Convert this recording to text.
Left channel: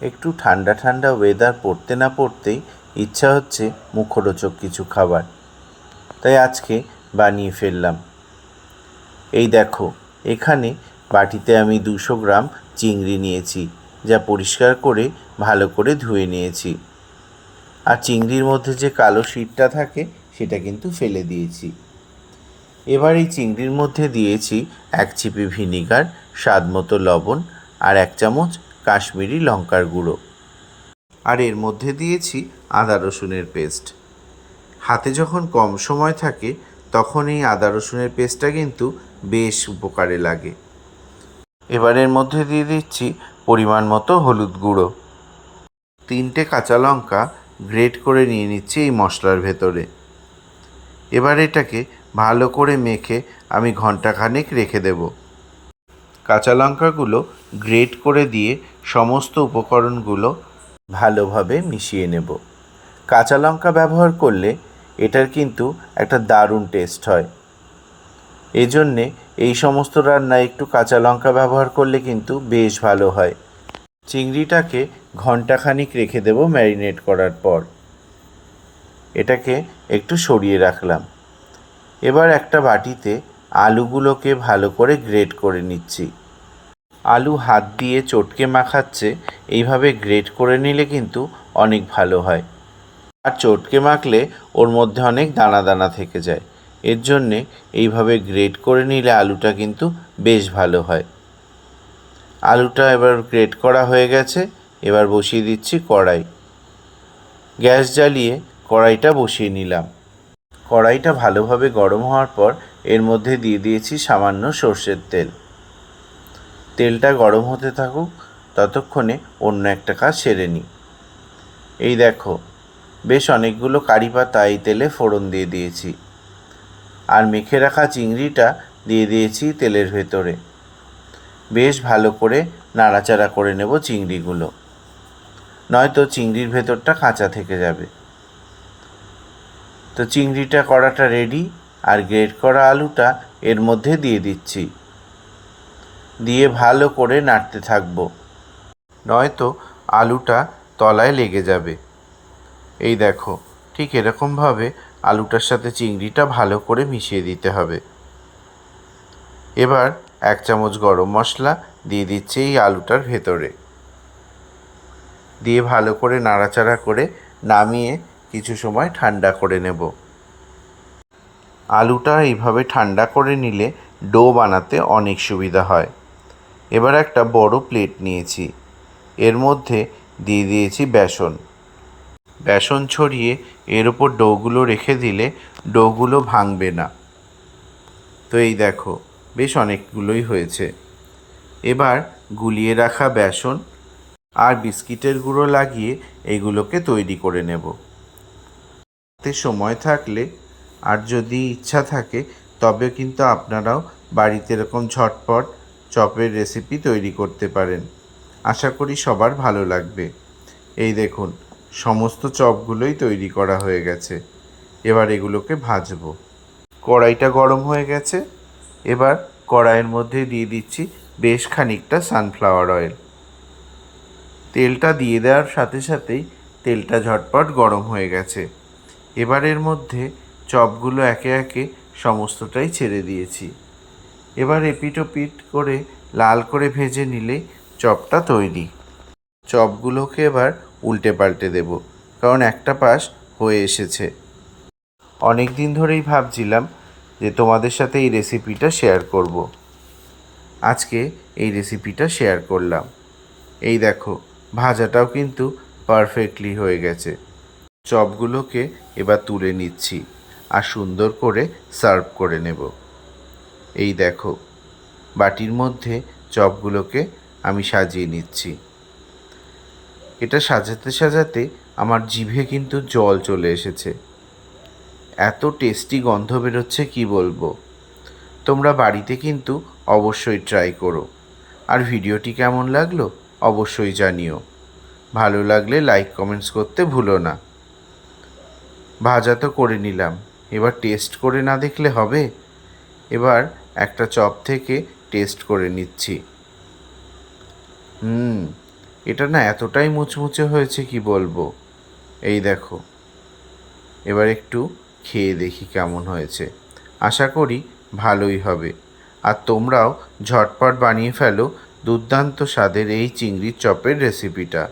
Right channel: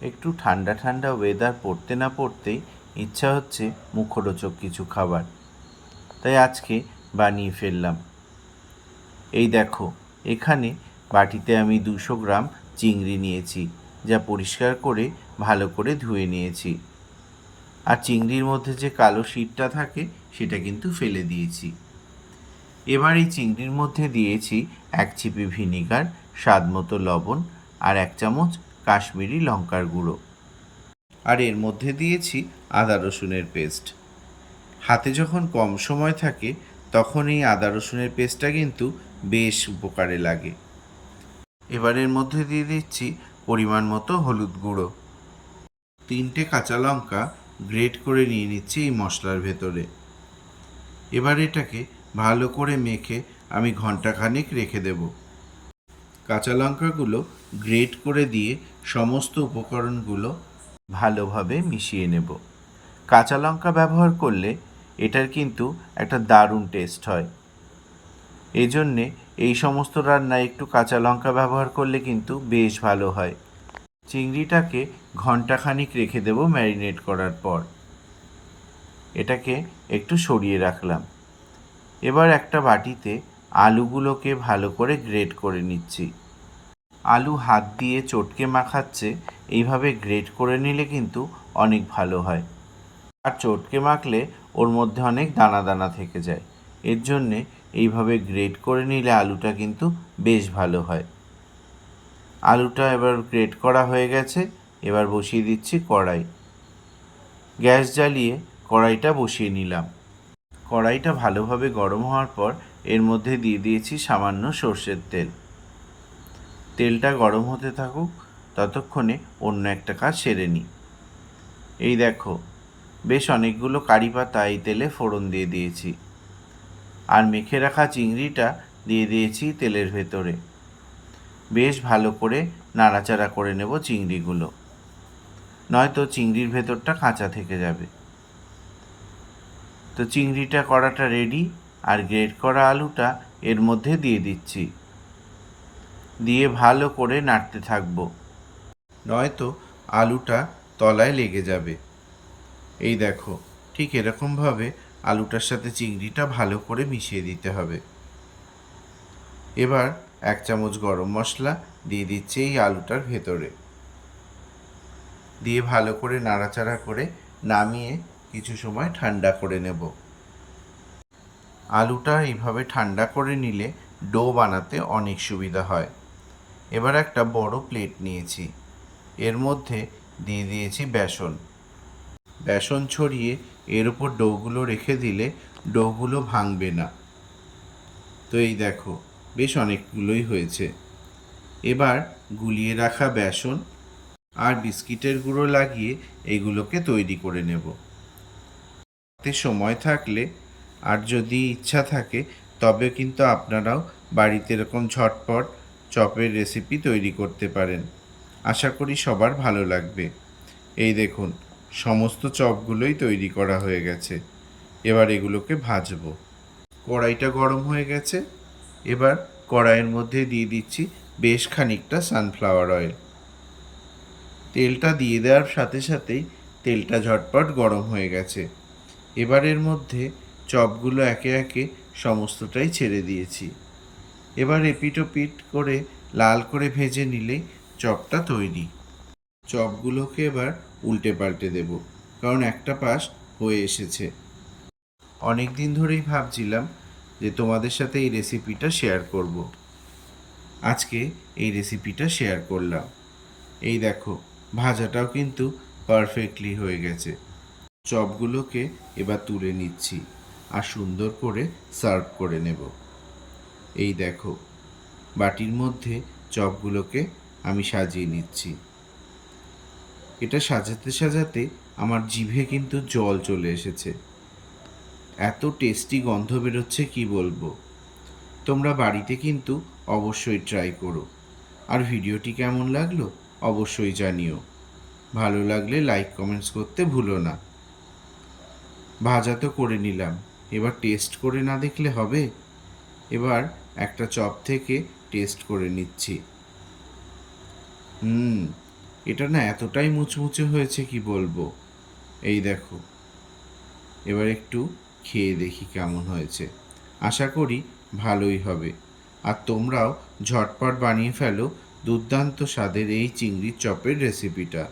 একটু ঠান্ডা ঠান্ডা ওয়েদার পড়তে না পড়তেই ইচ্ছা হচ্ছে মুখরোচক কিছু খাবার। তাই আজকে বানিয়ে ফেললাম। এই দেখো, এখানে বাটিতে আমি দুশো গ্রাম চিংড়ি নিয়েছি, যা পরিষ্কার করে ভালো করে ধুয়ে নিয়েছি। আর চিংড়ির মধ্যে যে কালো শীটটা থাকে, সেটা কিন্তু ফেলে দিয়েছি। এবার এই চিংড়ির মধ্যে দিয়েছি এক চিপি ভিনিগার স্বাদ মতো লবণ আর এক চামচ কাশ্মীরি লঙ্কার গুঁড়ো। আর এর মধ্যে দিয়েছি আদা রসুনের পেস্ট। হাতে যখন কম সময় থাকে, তখন এই আদা রসুনের পেস্টটা কিন্তু বেশ উপকারে লাগে। এবার এর মধ্যে দিয়ে দিচ্ছি পরিমাণ মতো হলুদ গুঁড়ো। তিনটে কাঁচা লঙ্কা গ্রেট করে নিয়ে নিচ্ছি এই মশলার ভেতরে। এবার এটাকে ভালো করে মেখে আমি ঘন্টাখানেক রেখে দেব। কাঁচা লঙ্কাগুলো গ্রেট করে দিয়ে সমস্ত উপকরণগুলো ভালোভাবে মিশিয়ে নেব। কাঁচা লঙ্কা ব্যবহার করলে এটার কিন্তু একটা দারুণ টেস্ট হয়। এজন্যে এই সমস্ত রান্নায় একটু কাঁচা লঙ্কা ব্যবহার করলে কিন্তু বেশ ভালো হয়। চিংড়িটাকে ঘন্টাখানিক রেখে দেব ম্যারিনেট করার পর। এটাকে একটু সরিয়ে রাখলাম। এবার একটা বাটিতে আলুগুলোকে ভালো করে গ্রেট করে নিচ্ছি। আলু হাত দিয়ে চটকে মাখাচ্ছে, এইভাবে গ্রেট করে নিলে কিন্তু অনেক ভালো হয়। আর চটকে মাখলে ওর মধ্যে অনেক দানা দানা থেকে যায়। এর জন্যে এইভাবে গ্রেট করে নিলে আলুটা কিন্তু বেশ ভালো হয়। আলুটা এবার গ্রেট করা হয়ে গেছে, এবার বসিয়ে দিচ্ছি কড়াই। গ্যাস জ্বালিয়ে কড়াইটা বসিয়ে নিলাম। কড়াইটা ভালোভাবে গরম হওয়ার পর এর মধ্যে দিয়ে দিয়েছি সামান্য সর্ষের তেল। তেলটা গরম হতে থাকুক, ততক্ষণে অন্য একটা কাজ সেরে নিই। এই দেখো, বেশ অনেকগুলো কারি পাতা এই তেলে ফোড়ন দিয়ে দিয়েছি। আর মেখে রাখা চিংড়িটা দিয়ে দিয়েছি তেলের ভেতরে। বেশ ভালো করে নাড়াচাড়া করে নেব চিংড়িগুলো। নয়তো চিংড়ির ভেতরটা কাঁচা থেকে যাবে। তো চিংড়িটা করাটা রেডি আর গ্রেট করা আলুটা এর মধ্যে দিয়ে দিচ্ছি। দিয়ে ভালো করে নাড়তে থাকব। নয়তো আলুটা তলায় লেগে যাবে। এই দেখো, ঠিক এরকমভাবে আলুটার সাথে চিংড়িটা ভালো করে মিশিয়ে দিতে হবে। এবার এক চামচ গরম মশলা দিয়ে দিচ্ছি এই আলুটার ভেতরে। দিয়ে ভালো করে নাড়াচাড়া করে নামিয়ে কিছু সময় ঠান্ডা করে নেব। আলুটা এইভাবে ঠান্ডা করে নিলে ডো বানাতে অনেক সুবিধা হয়। এবার একটা বড় প্লেট নিয়েছি। এর মধ্যে দিয়ে দিয়েছি বেসন। বেসন ছড়িয়ে এর ওপর ডোগুলো রেখে দিলে ডোগুলো ভাঙবে না। তো এই দেখো, বেশ অনেকগুলোই হয়েছে। এবার গুলিয়ে রাখা বেসন আর বিস্কিটের গুঁড়ো লাগিয়ে এইগুলোকে তৈরি করে নেব। হাতে সময় থাকলে আর যদি ইচ্ছা থাকে, তবে কিন্তু আপনারাও বাড়িতে এরকম ঝটপট চপের রেসিপি তৈরি করতে পারেন। আশা করি সবার ভালো লাগবে। এই দেখুন, সমস্ত চপগুলোই তৈরি করা হয়ে গেছে। এবার এগুলোকে ভাজবো। কড়াইটা গরম হয়ে গেছে। এবার কড়াইয়ের মধ্যে দিয়ে দিচ্ছি বেশ খানিকটা সানফ্লাওয়ার অয়েল তেলটা দিয়ে দেওয়ার সাথে সাথেই তেলটা ঝটপট গরম হয়ে গেছে। এবার এর মধ্যে চপগুলো একে একে সমস্তটাই ছেড়ে দিয়েছি। এবার এপিট ওপিট করে লাল করে ভেজে নিলেই চপটা তৈরি। চপগুলোকে এবার উল্টে পাল্টে দেব, কারণ একটা পাশ হয়ে এসেছে। অনেক দিন ধরেই ভাবছিলাম যে তোমাদের সাথে এই রেসিপিটা শেয়ার করব। আজকে এই রেসিপিটা শেয়ার করলাম। এই দেখো, ভাজাটাও কিন্তু পারফেক্টলি হয়ে গেছে। চপগুলোকে এবার তুলে নিচ্ছি আর সুন্দর করে সার্ভ করে নেব। এই দেখো, বাটির মধ্যে চপগুলোকে আমি সাজিয়ে নিচ্ছি। এটা সাজাতে সাজাতে আমার জিভে কিন্তু জল চলে এসেছে। এত টেস্টি গন্ধ বেরোচ্ছে কি বলব? তোমরা বাড়িতে কিন্তু অবশ্যই ট্রাই করো। আর ভিডিওটি কেমন লাগল অবশ্যই জানিও। ভালো লাগলে লাইক, কমেন্টস করতে ভুলো না। ভাজা তো করে নিলাম। এবার টেস্ট করে না দেখলে হবে? এবার একটা চপ থেকে টেস্ট করে নিচ্ছি। হুম, এটা না এতটাই মুচমুচে হয়েছে কি বলব? এই দেখো। এবার একটু খেয়ে দেখি কেমন হয়েছে। আশা করি ভালোই হবে। আর তোমরাও ঝটপট বানিয়ে ফেলো দুর্দান্ত স্বাদের এই চিংড়ির চপের রেসিপিটা